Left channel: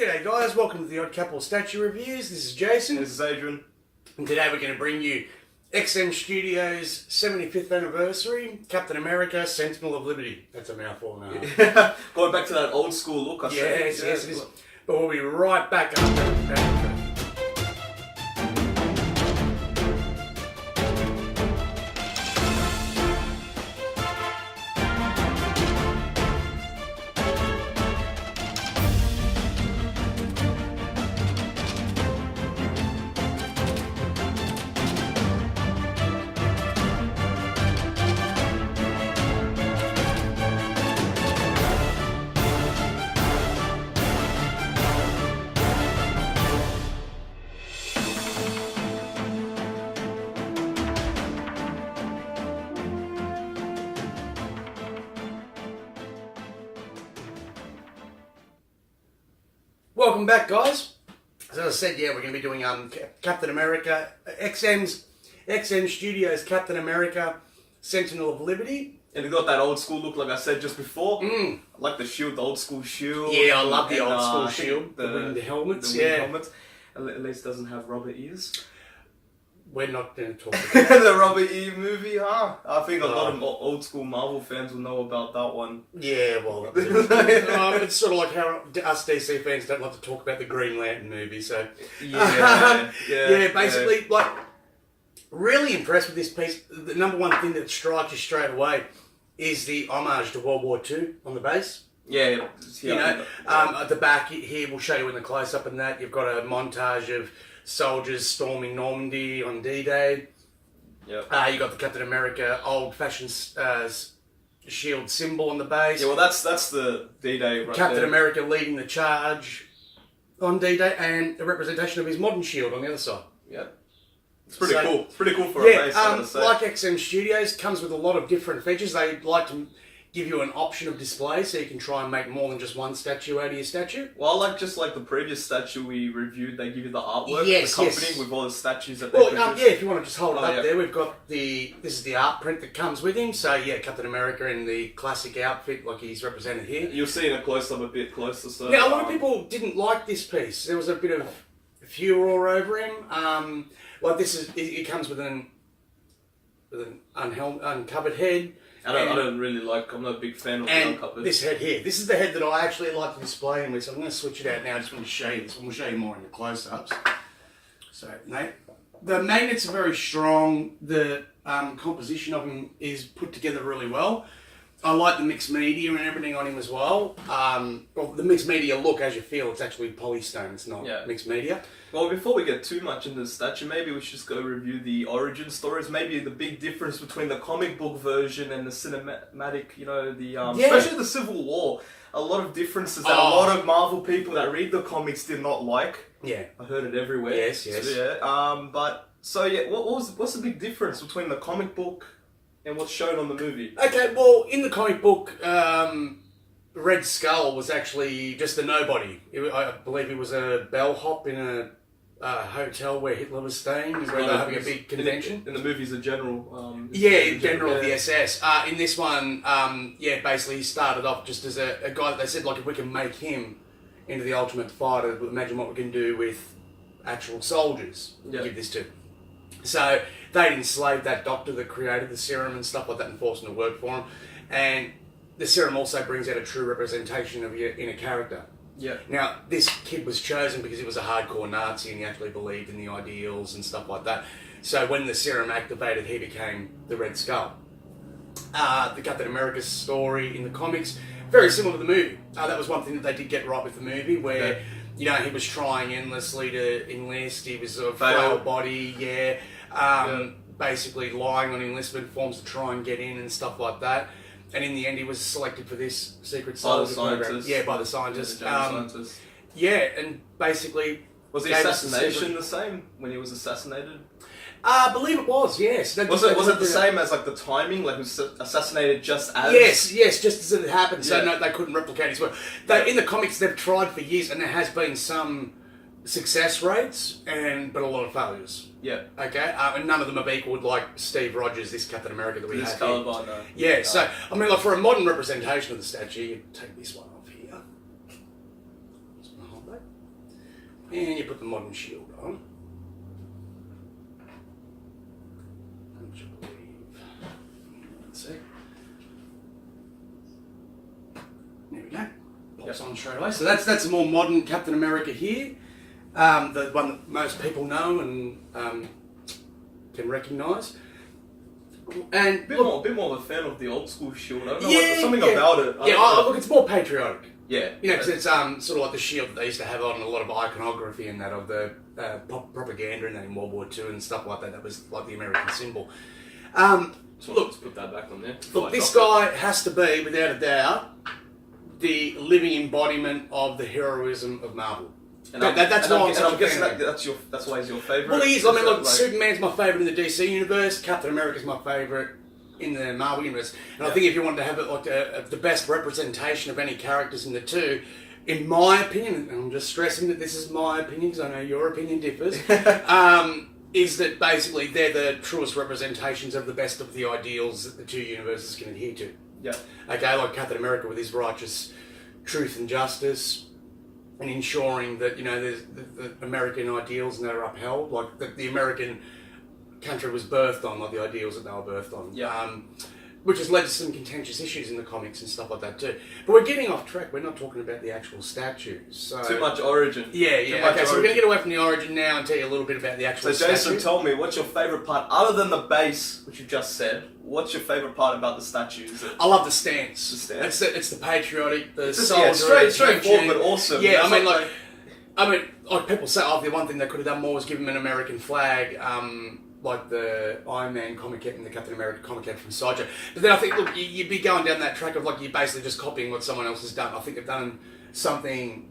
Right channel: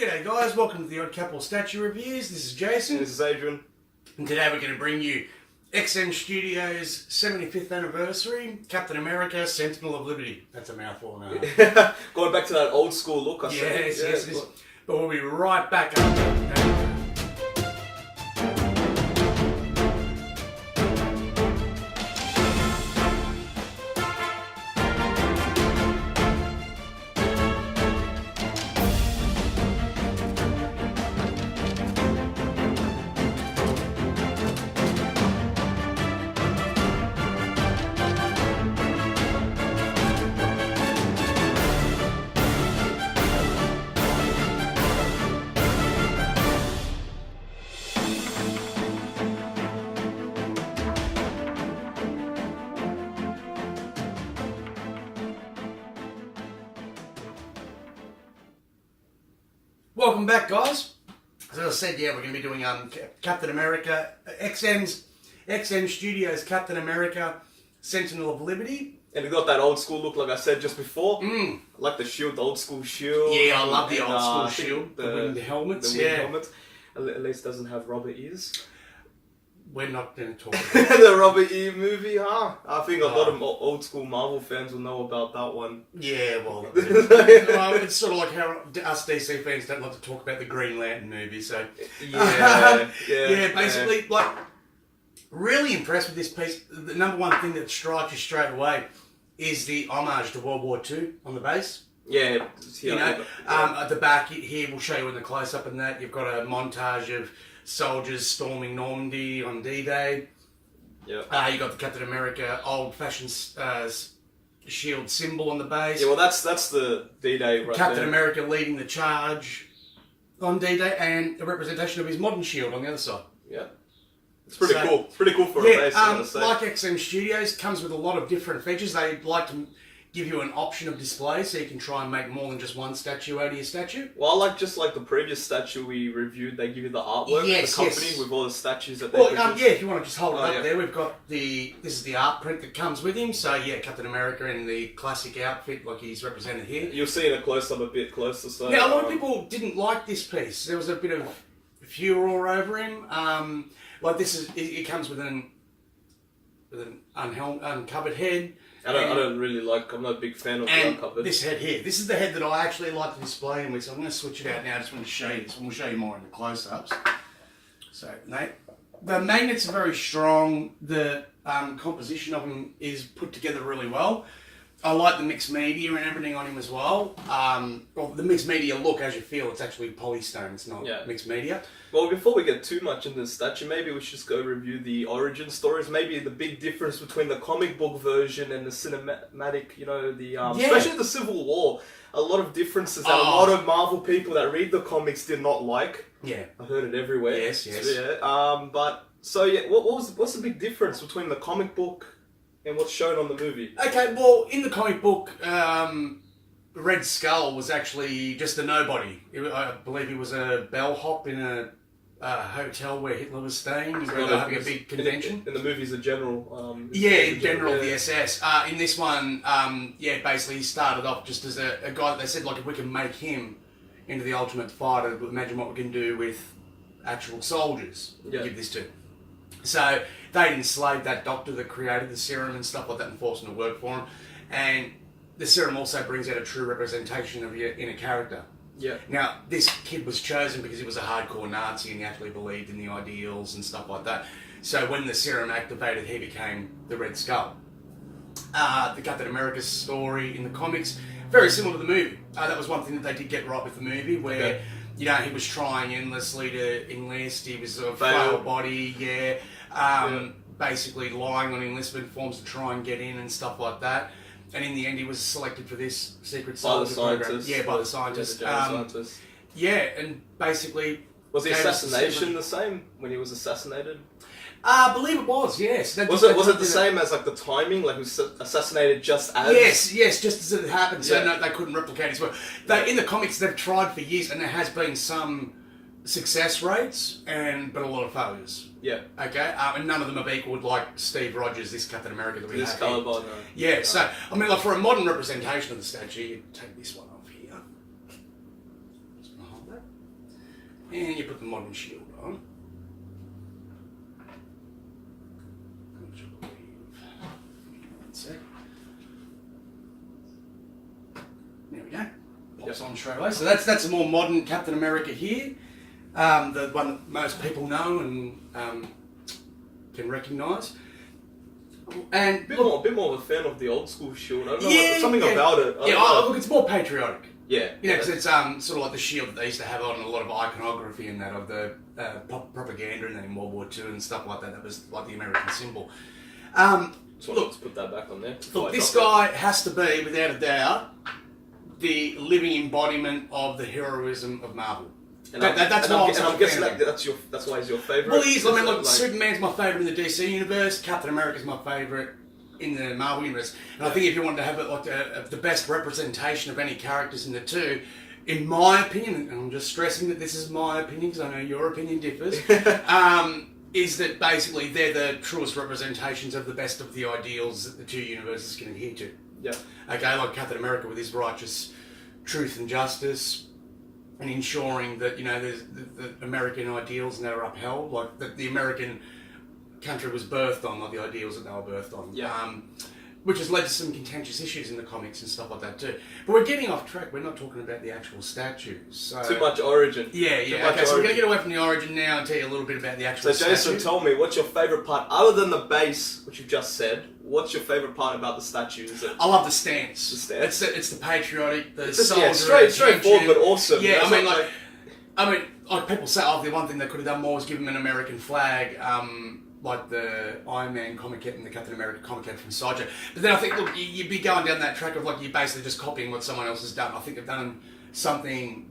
G'day guys, welcome to the Untitled Chapter Reviews. This is Jason. This is Adrian. And today we're going to bring you XM Studios' 75th anniversary, Captain America, Sentinel of Liberty. That's a mouthful now. Going back to that old school look, I said. Yes, it is. But we'll be right back after that. Welcome back, guys. As I said, we're going to be doing Captain America, XM Studios Captain America, Sentinel of Liberty. And it got that old school look, like I said just before. I like the shield, the old school shield. Yeah, I love the old school shield. The winged helmets. The winged helmets. At least doesn't have rubber ears. We're not going to talk about the rubber ear movie, huh? I think a lot of old school Marvel fans will know about that one. Yeah, well, it's sort of like how us DC fans don't like to talk about the Green Lantern movie. So basically, like, really impressed with this piece. The number one thing that strikes you straight away is the homage to World War II on the base. Yeah. At the back here, we'll show you in the close-up and that, you've got a montage of soldiers storming Normandy on D-Day. Yep. You got the Captain America old-fashioned shield symbol on the base. Yeah, well, that's the D-Day right Captain there. America leading the charge on D-Day, and a representation of his modern shield on the other side. Yeah. It's pretty cool. It's pretty cool for a base, I'm going to say. Like XM Studios, comes with a lot of different features. They like to give you an option of display, so you can try and make more than just one statue out of your statue. Well, just like the previous statue we reviewed, they give you the artwork, yes, the company with all the statues that they produce. If you want to just hold it up there, we've got this is the art print that comes with him. So Captain America in the classic outfit, like he's represented here. You'll see in a close-up a bit closer. So a lot of people didn't like this piece. There was a bit of furor over him. Like this is, it comes with an uncovered head. I don't really like, I'm not a big fan of the uncovered. This head here, this is the head that I actually like to display him with, so I'm going to switch it out now. I just want to show you this, and we'll show you more in the close-ups. So, the magnets are very strong, the composition of him is put together really well. I like the mixed media and everything on him as well. The mixed media look, as you feel, it's actually polystone, it's not mixed media. Well, before we get too much into the statue, maybe we should just go review the origin stories. Maybe the big difference between the comic book version and the cinematic, especially the Civil War. A lot of differences that a lot of Marvel people that read the comics did not like. Yeah. I heard it everywhere. Yes. So, what's the big difference between the comic book and what's shown on the movie? Okay, well, in the comic book, Red Skull was actually just a nobody. I believe he was a bellhop in a hotel where Hitler was staying, where they were having a big convention. In the movie's a general. General of the SS. In this one, basically he started off just as a guy that they said, like, if we can make him into the ultimate fighter, imagine what we can do with actual soldiers. Give this to. So they'd enslaved that doctor that created the serum and stuff like that and forced him to work for him. And the serum also brings out a true representation of your inner character. Yeah. Now, this kid was chosen because he was a hardcore Nazi and he actually believed in the ideals and stuff like that. So when the serum activated, he became the Red Skull. The Captain America story in the comics, very similar to the movie. That was one thing that they did get right with the movie, where he was trying endlessly to enlist. He was a frail body, basically lying on enlistment forms to try and get in and stuff like that. And in the end, he was selected for this secret soldier program. Yeah, by the scientists. And basically... Was the assassination the same when he was assassinated? I believe it was, yes. Was it the same as like the timing? Like he was assassinated just as? Yes, just as it happened. So no, they couldn't replicate his work. In the comics, they've tried for years, and there has been some success rates, but a lot of failures. Yeah. Okay, and none of them have equaled like Steve Rogers, this Captain America that we have. No. Yeah. So I mean, like for a modern representation of the statue, you take this one off here. Just gonna hold that. And you put the modern shield on. Which I believe... One sec. There we go. Pops on straight away. So that's a more modern Captain America here. The one that most people know and can recognise. And a bit more of a fan of the old school shield. I don't know something about it. Look, it's more patriotic. Yeah, you know, because it's sort of like the shield that they used to have on a lot of iconography and that of the propaganda and that in World War II and stuff like that. That was like the American symbol. So let's put that back on there. Look, this guy has to be, without a doubt, the living embodiment of the heroism of Marvel. And I'm guessing that's why he's your favourite. Well, he is. I mean, look, Superman's my favourite in the DC universe. Captain America's my favourite in the Marvel universe. And I think if you wanted to have the best representation of any characters in the two, in my opinion, and I'm just stressing that this is my opinion because I know your opinion differs, is that basically they're the truest representations of the best of the ideals that the two universes can adhere to. Yeah. Okay, like Captain America with his righteous truth and justice, and ensuring that, you know, there's the American ideals and they're upheld, like the American country was birthed on, like the ideals that they were birthed on. Yeah. Which has led to some contentious issues in the comics and stuff like that too. But we're getting off track. We're not talking about the actual statues. So, too much origin. Yeah. Okay, so we're going to get away from the origin now and tell you a little bit about the actual statue. So Jason, tell me, what's your favourite part, other than the base, which you just said, what's your favourite part about the statues? I love the stance. The stance? It's the patriotic, the soldier. Straightforward, but awesome. Yeah, I mean, like people say, the one thing they could have done more was give him an American flag, like the Iron Man comic and the Captain America comic from Sideshow. But then I think, look, you'd be going down that track of like you're basically just copying what someone else has done. I think they've done something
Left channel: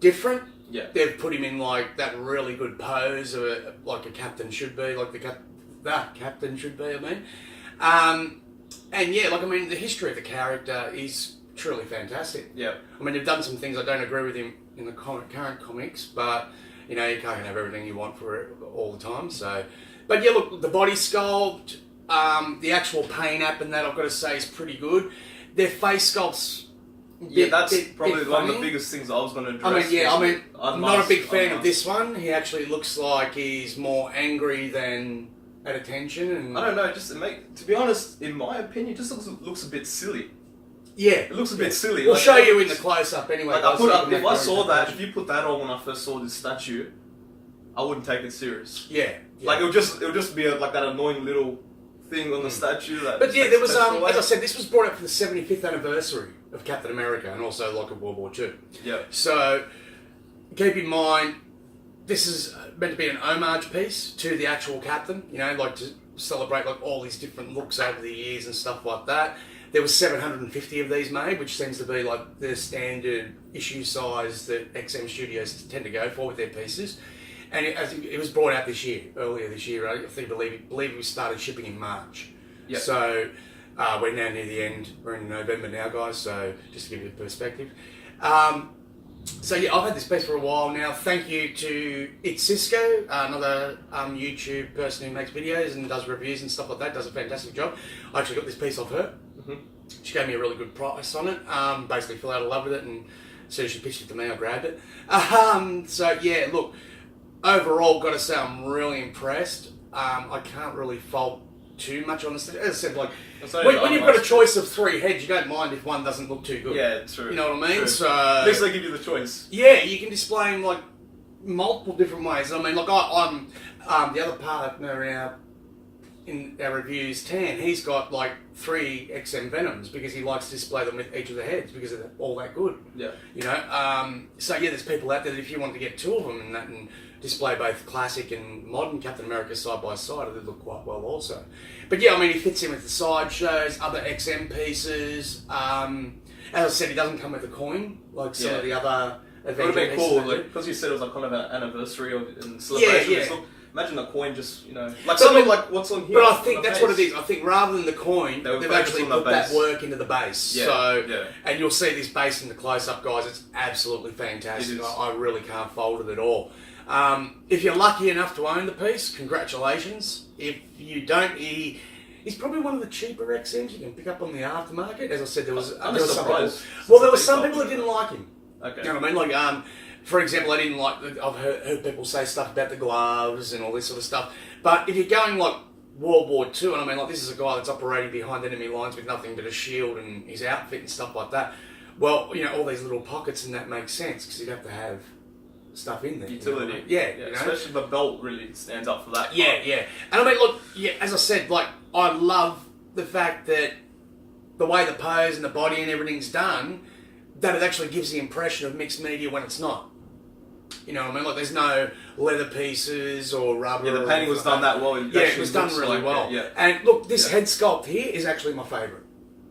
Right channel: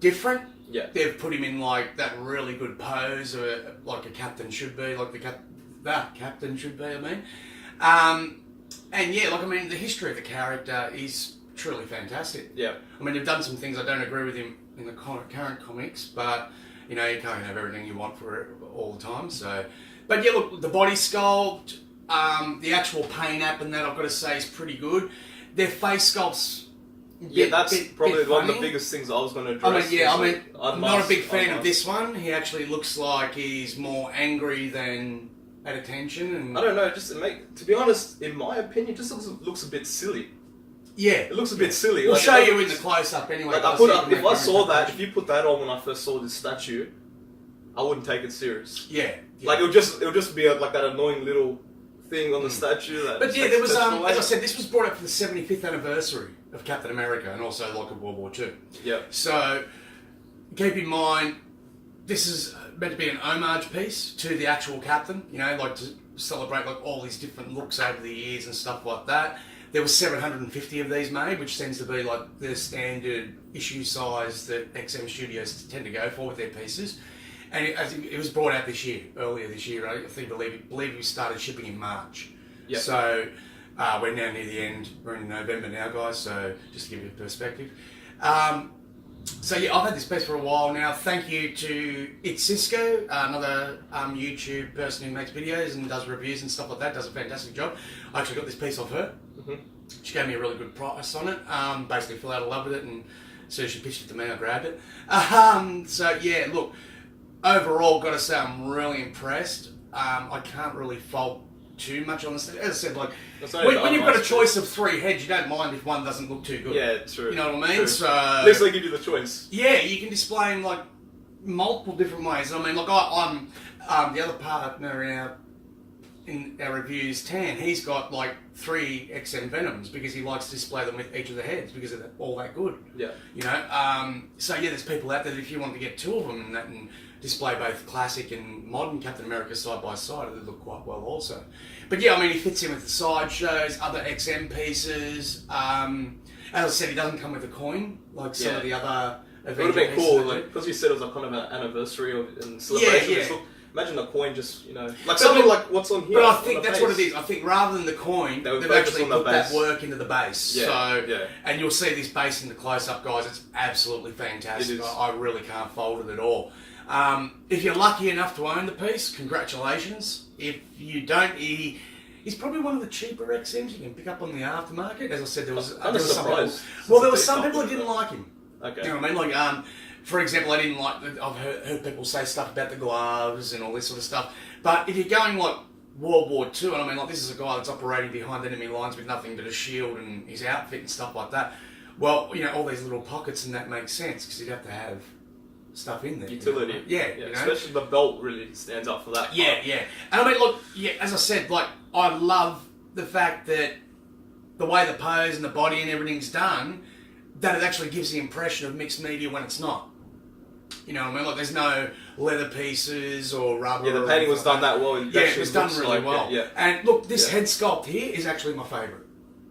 different. Yeah. They've put him in like that really good pose, like a captain should be, like the captain should be, I mean. And yeah, like, I mean, the history of the character is truly fantastic. Yeah. I mean, they've done some things I don't agree with him in the current comics, but, you know, you can't have everything you want for it all the time, so... But yeah, look, the body sculpt, the actual paint app and that, I've got to say, is pretty good. Their face sculpt's that's probably one of the biggest things I was going to address. I'm not a big fan of this one. He actually looks like he's more angry than at attention. And I don't know, to be honest, in my opinion, it just looks a bit silly. Yeah. It looks a bit silly. We'll show you in the close-up anyway. If you put that on when I first saw this statue, I wouldn't take it serious. Yeah. Like, it would just be like that annoying little thing on the statue. But yeah, there was, as I said, this was brought up for the 75th anniversary of Captain America and also like of World War II. Yeah. So, keep in mind, this is meant to be an homage piece to the actual Captain, you know, like to celebrate like all these different looks over the years and stuff like that. There was 750 of these made, which tends to be like the standard issue size that XM Studios tend to go for with their pieces. And it was brought out earlier this year. Right? I believe we started shipping in March. Yep. So we're now near the end. We're in November now, guys. So just to give you a perspective. So yeah, I've had this piece for a while now. Thank you to It's Cisco, another YouTube person who makes videos and does reviews and stuff like that. Does a fantastic job. I actually got this piece off her. Mm-hmm. She gave me a really good price on it. Basically fell out of love with it, and as soon as she pitched it to me, I grabbed it. So yeah, look. Overall, got to say, I'm really impressed. I can't really fault too much on this. As I said, like when you've got a choice of 3 heads, you don't mind if one doesn't look too good. Yeah, true. You know what I mean? True. So at least they give you the choice. Yeah, you can display them like multiple different ways. I mean, like I'm the other partner in our reviews, Tan. He's got like 3 XM Venoms because he likes to display them with each of the heads because they're all that good. Yeah. You know. So yeah, there's people out there that if you wanted to get 2 of them and display both classic and modern Captain America side by side, they look quite well also. But yeah, I mean, he fits in with the sideshows, other XM pieces. As I said, he doesn't come with a coin like some of the other It would have been cool, because you said it was like kind of an anniversary and celebration. Yeah. So imagine a coin just, like something like what's on here. But I think that's what it is. I think rather than the coin, they've actually put that work into the base. Yeah, and you'll see this base in the close-up, guys. It's absolutely fantastic. I really can't fault it at all. If you're lucky enough to own the piece, congratulations. If you don't, he's probably one of the cheaper XMs you can pick up on the aftermarket. As I said, there was some people. Well, there were some people that didn't like him. Okay. You know what I mean? Like, for example, I didn't like. I've heard people say stuff about the gloves and all this sort of stuff. But if you're going like World War II, and I mean, like, this is a guy that's operating behind enemy lines with nothing but a shield and his outfit and stuff like that. Well, you know, all these little pockets and that makes sense because you'd have to have stuff in there. Utility. You know? Yeah, yeah, you know? especially the belt really stands up for that. Yeah, yeah. And I mean, look, yeah, as I said, like, I love the fact that the way the pose and the body and everything's done, that it actually gives the impression of mixed media when it's not. You know what I mean? Like, there's no leather pieces or rubber. Yeah, the painting was done that well. Yeah, it was done really well. Yeah. And look, this head sculpt here is actually my favourite.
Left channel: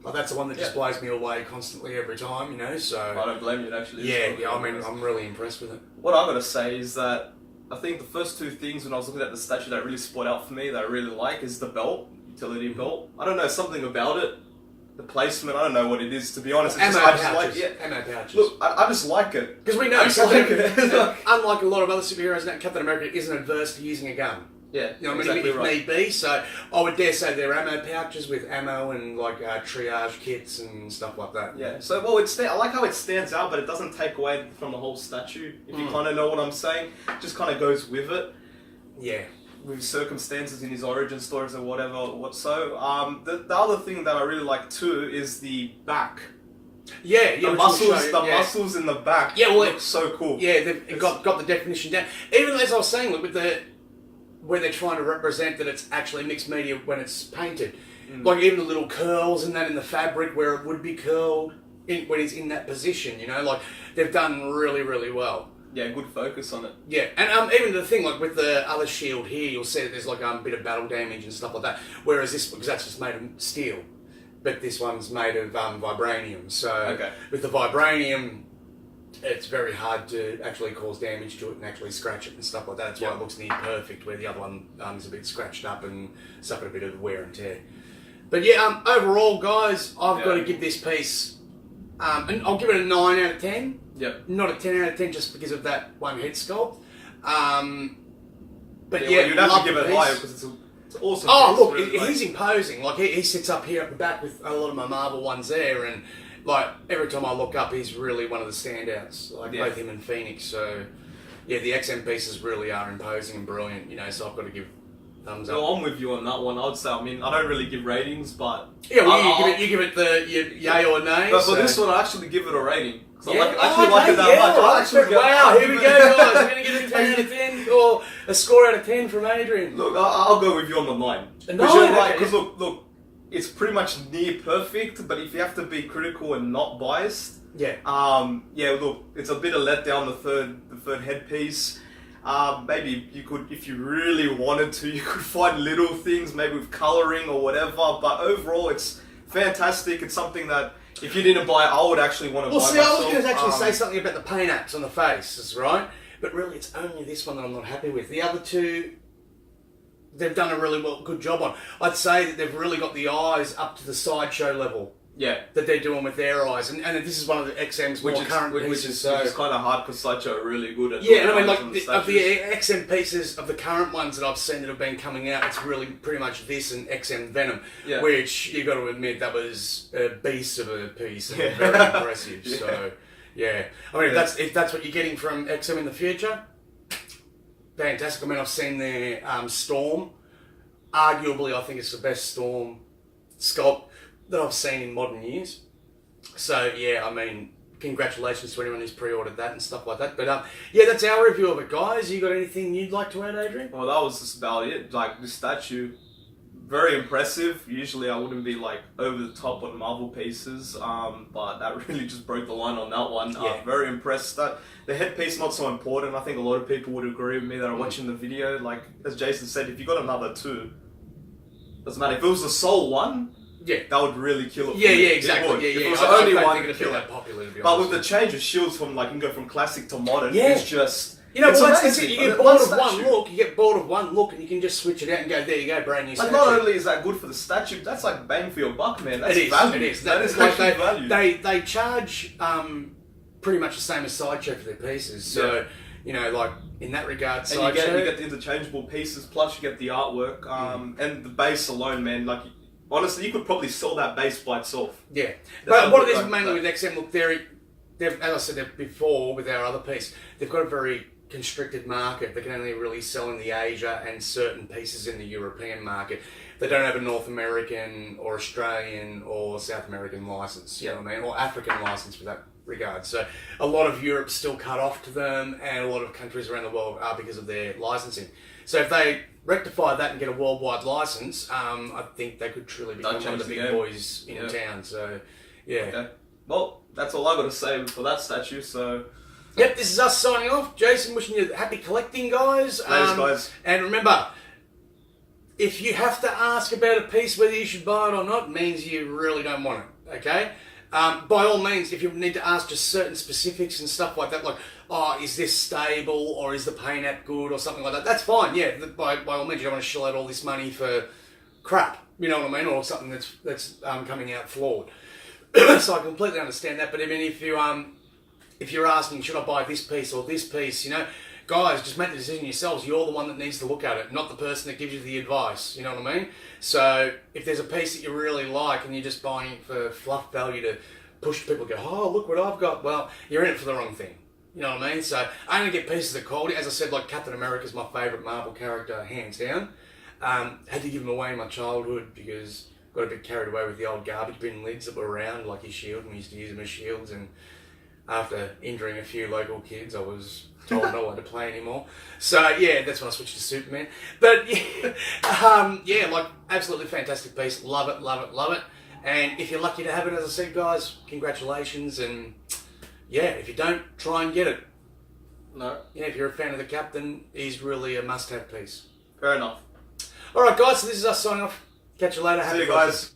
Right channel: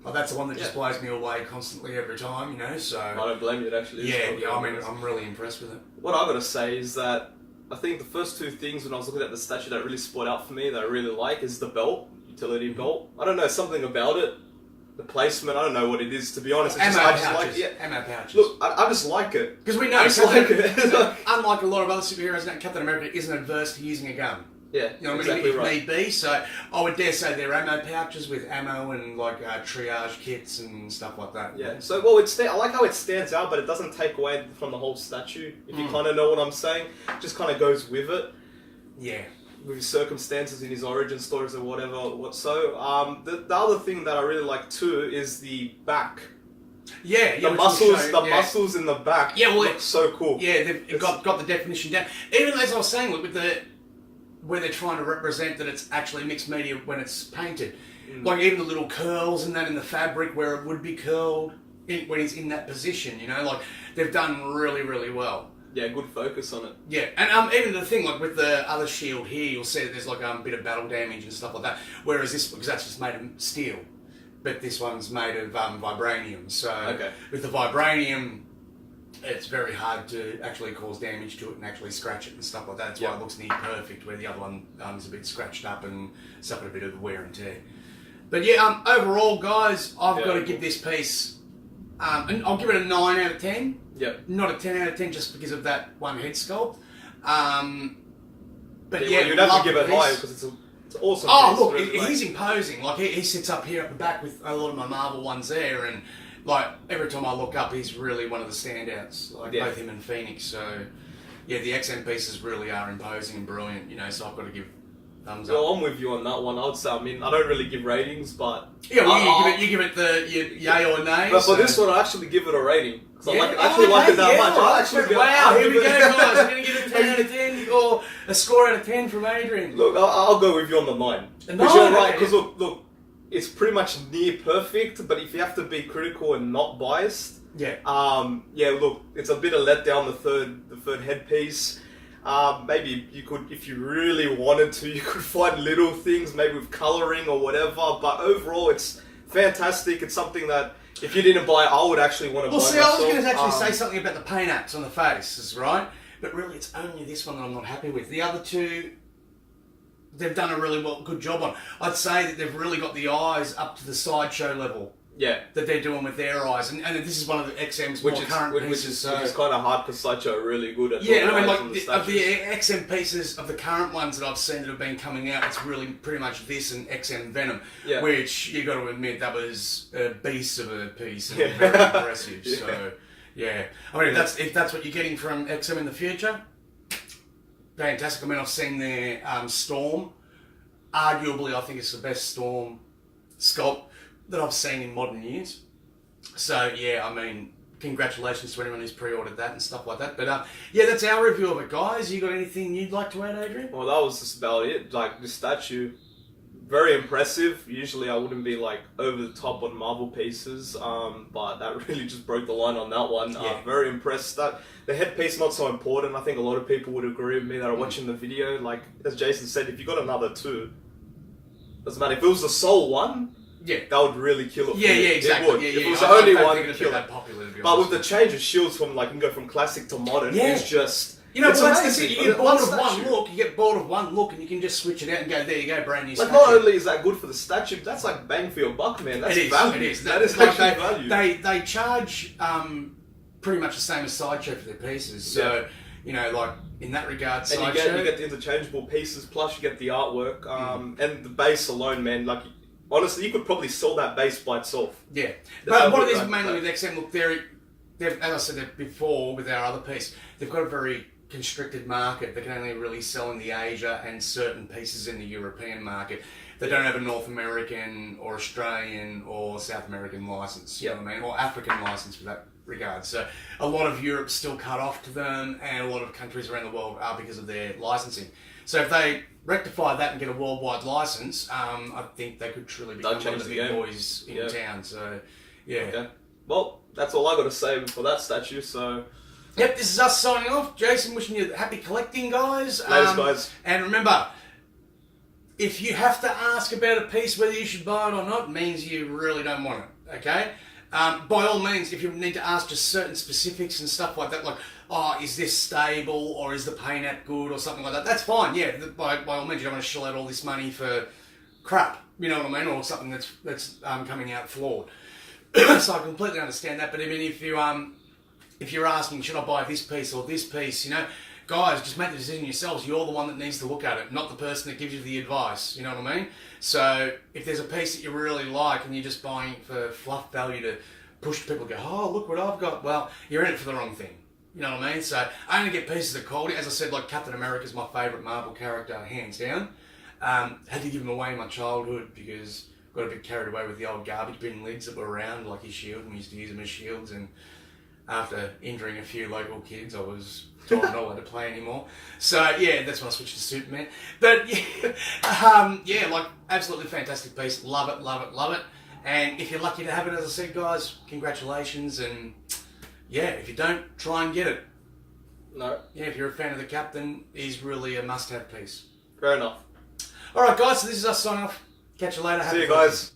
Like, that's the one that just blows me away constantly every time, you know, so... I don't blame you, it actually is. Yeah, I mean, I'm really impressed with it. What I've got to say is that I think the first two things when I was looking at the statue that really spot out for me, that I really like, is the belt, utility belt. I don't know, something about it. The placement, I don't know what it is, to be honest. Ammo I just pouches. like it. Ammo pouches. Look, I just like it. Because we know, unlike a lot of other superheroes, Captain America isn't adverse to using a gun. Yeah, you know, exactly if right. need be. So I would dare say they're ammo pouches with ammo and like triage kits and stuff like that. Yeah. So well, I like how it stands out, but it doesn't take away from the whole statue. If you kind of know what I'm saying, it just kind of goes with it. Yeah. With his circumstances in his origin stories or whatever. The other thing that I really like too is the back. Yeah, the muscles in the back. Yeah, well, look so cool. Yeah, they've got the definition down. Even as I was saying, look, with where they're trying to represent that it's actually mixed media when it's painted. Like even the little curls and that in the fabric where it would be curled when it's in that position, you know, like they've done really, really well. Yeah, good focus on it. Yeah, and even the thing, like with the other shield here, you'll see that there's like a bit of battle damage and stuff like that. Whereas this, because that's just made of steel, but this one's made of vibranium. So with the vibranium, it's very hard to actually cause damage to it and actually scratch it and stuff like that. That's why it looks near perfect, where the other one is a bit scratched up and suffered a bit of wear and tear. But yeah, overall, guys, I've got to give this piece, and I'll give it a 9 out of 10. Yep. Not a 10 out of 10 just because of that one head sculpt. But well, you'd have to give it higher because it's awesome. Oh, look, really he's imposing. Like, he sits up here at the back with a lot of my Marvel ones there, and like every time I look up, he's really one of the standouts. Like both him and Phoenix. So yeah, the XM pieces really are imposing and brilliant. You know, so I've got to give thumbs up. Well, I'm with you on that one. I'd say, I mean, I don't really give ratings, but yeah, well, you give it the yay or nay. But for this one, I actually give it a rating. I actually like it that much. Wow, here we go, guys. I'm going to give it a 10 out of 10 or a score out of 10 from Adrian. Look, I'll go with you on the 9. A 9? Because you're right, because look, it's pretty much near perfect, but if you have to be critical and not biased, look, it's a bit of letdown, the third headpiece. Maybe you could, if you really wanted to, you could find little things, maybe with colouring or whatever, but overall it's fantastic. It's something that if you didn't buy it, I would actually want to buy myself. Well, see, I was going to actually say something about the paint apps on the faces, right? But really, it's only this one that I'm not happy with. The other two, they've done a really good job on. I'd say that they've really got the eyes up to the sideshow level. Yeah. That they're doing with their eyes. And this is one of the XM's more current pieces. Which is kind of hard because Sideshow are really good at and I mean, like, of the XM pieces, of the current ones that I've seen that have been coming out, it's really pretty much this and XM Venom, which you got to admit that was a beast of a piece and very impressive. So, yeah. I mean, if that's what you're getting from XM in the future, fantastic. I mean, I've seen their Storm. Arguably, I think it's the best Storm sculpt that I've seen in modern years. So yeah, I mean, congratulations to anyone who's pre-ordered that and stuff like that. But yeah, that's our review of it, guys. You got anything you'd like to add, Adrian? Well, that was just about it. Like, this statue, very impressive. Usually I wouldn't be like over the top on Marvel pieces, but that really just broke the line on that one. Very impressed. That the headpiece not so important. I think a lot of people would agree with me that are watching the video. Like, as Jason said, if you got another two, doesn't matter. If it was the sole one, that would really kill it. Yeah, exactly. If it was the only one, it would kill that popular, to be honest. But with the change of shields from, like, you can go from classic to modern, it's just... You know, it's amazing. You get bored of one look, and you can just switch it out and go, there you go, brand new statue. Not only is that good for the statue, that's like bang for your buck, man. That's value. It is. That is actually value. They charge pretty much the same as Sideshow for their pieces. So, you know, like, in that regard, Sideshow... you get the interchangeable pieces, plus you get the artwork, and the base alone, man, like... Honestly, you could probably sell that base by itself. Yeah. But what it is mainly with XM, look, they're as I said before with our other piece, they've got a very constricted market. They can only really sell in the Asia and certain pieces in the European market. They don't have a North American or Australian or South American license, you know what I mean, or African license for that regard. So a lot of Europe's still cut off to them, and a lot of countries around the world are because of their licensing. So if they rectify that and get a worldwide license, I think they could truly become one of the big boys in town. So, yeah. Okay. Well, that's all I got to say for that statue, so... Yep, this is us signing off. Jason, wishing you happy collecting, guys. Thanks, guys. And remember, if you have to ask about a piece whether you should buy it or not, means you really don't want it, okay? By all means, if you need to ask just certain specifics and stuff like that, like, oh, is this stable, or is the paint at good, or something like that, that's fine, yeah. By all means, you don't want to shell out all this money for crap, you know what I mean, or something that's coming out flawed. So I completely understand that, but I mean, if you're asking, should I buy this piece or this piece, you know, guys, just make the decision yourselves. You're the one that needs to look at it, not the person that gives you the advice, you know what I mean? So if there's a piece that you really like and you're just buying it for fluff value to push people to go, oh, look what I've got, well, you're in it for the wrong thing. You know what I mean? So I only get pieces of quality. As I said, like Captain America's my favourite Marvel character, hands down. Had to give him away in my childhood because got a bit carried away with the old garbage bin lids that were around, like his shield, and we used to use them as shields. And after injuring a few local kids, I was told not allowed to play anymore. So yeah, that's when I switched to Superman. But yeah, like absolutely fantastic piece. Love it, love it, love it. And if you're lucky to have it, as I said, guys, congratulations. And yeah, if you don't, try and get it. No. Yeah, if you're a fan of the Captain, he's really a must-have piece. Fair enough. All right, guys. So this is us signing off. Catch you later. See you guys.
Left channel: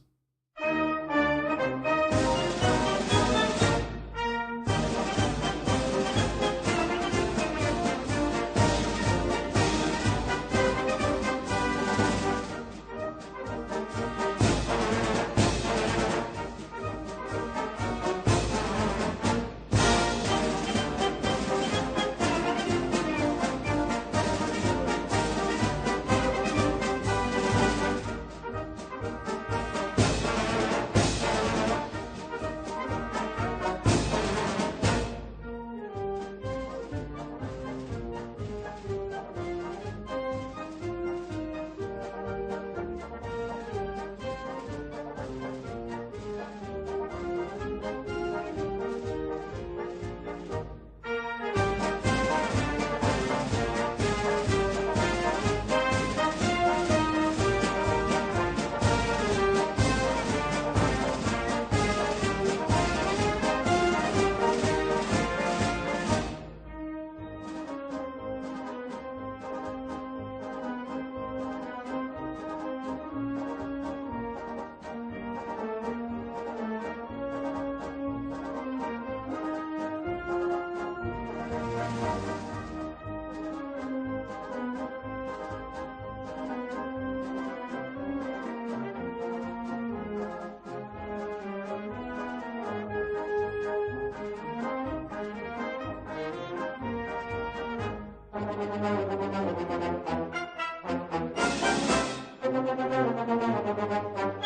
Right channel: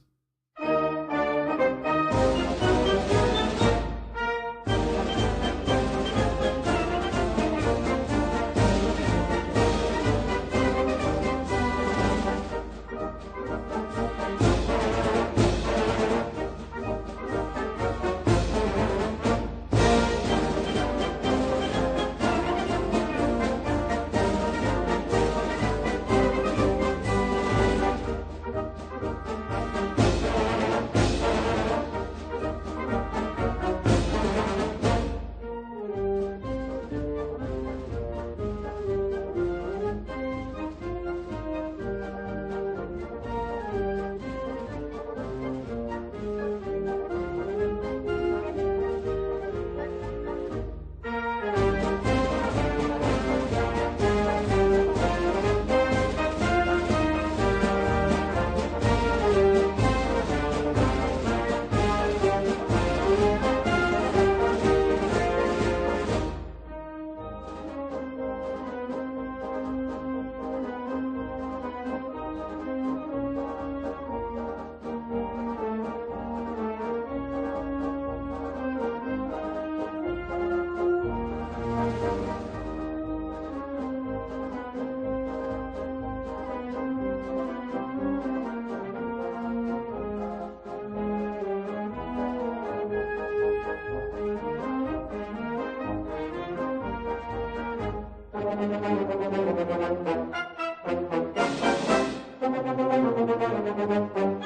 Thank you.